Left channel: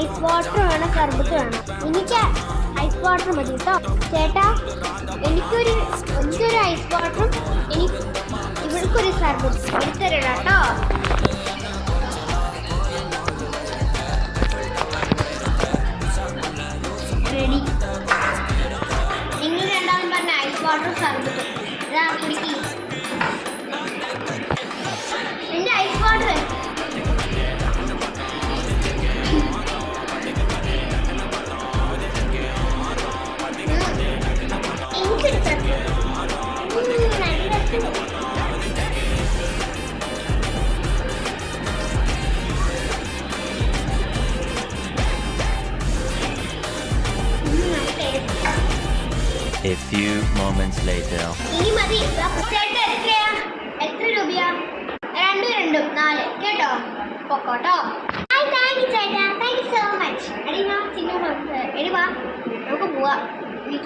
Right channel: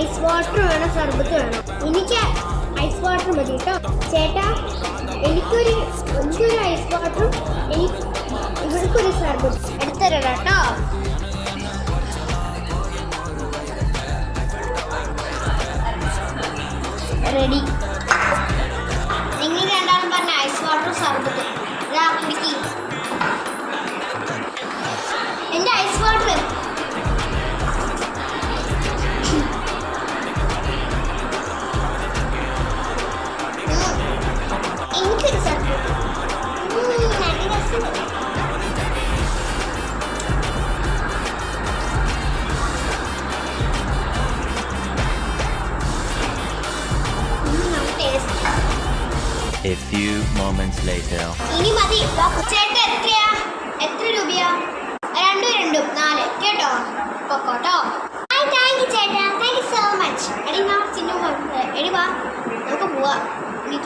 Ice water വേണം, സർബത്ത് വേണം. എനിക്ക് ഐസ് വാട്ടർ മതി കേട്ടോ. ചേട്ടാ എനിക്കൊരു ഐസ് വാട്ടറും ഇവർക്കൊരു സർബത്ത് അടുത്തരടാ കേട്ടോ. റെഡി. നിങ്ങൾ രണ്ടാളും പറഞ്ഞ ഐസ് വാട്ടർ സർബത്ത് ഇതാ കുടിക്കി. എൻ്റെ ഐസ് വാട്ടർ എനിക്കൊരു സർബത്ത്. A few moments later. ഇനി മതി. ചേട്ടൻ എത്രയാ? എത്ര രൂപയാ? 2 4 കേട്ടോ. പൊക്കോട്ടോ. താങ്ക് യു ചേട്ടാ, താങ്ക് യു സോ മച്ച്. എടി വാ ചിന്നു, എടി വാ നമുക്ക് പോവാം. ഇനി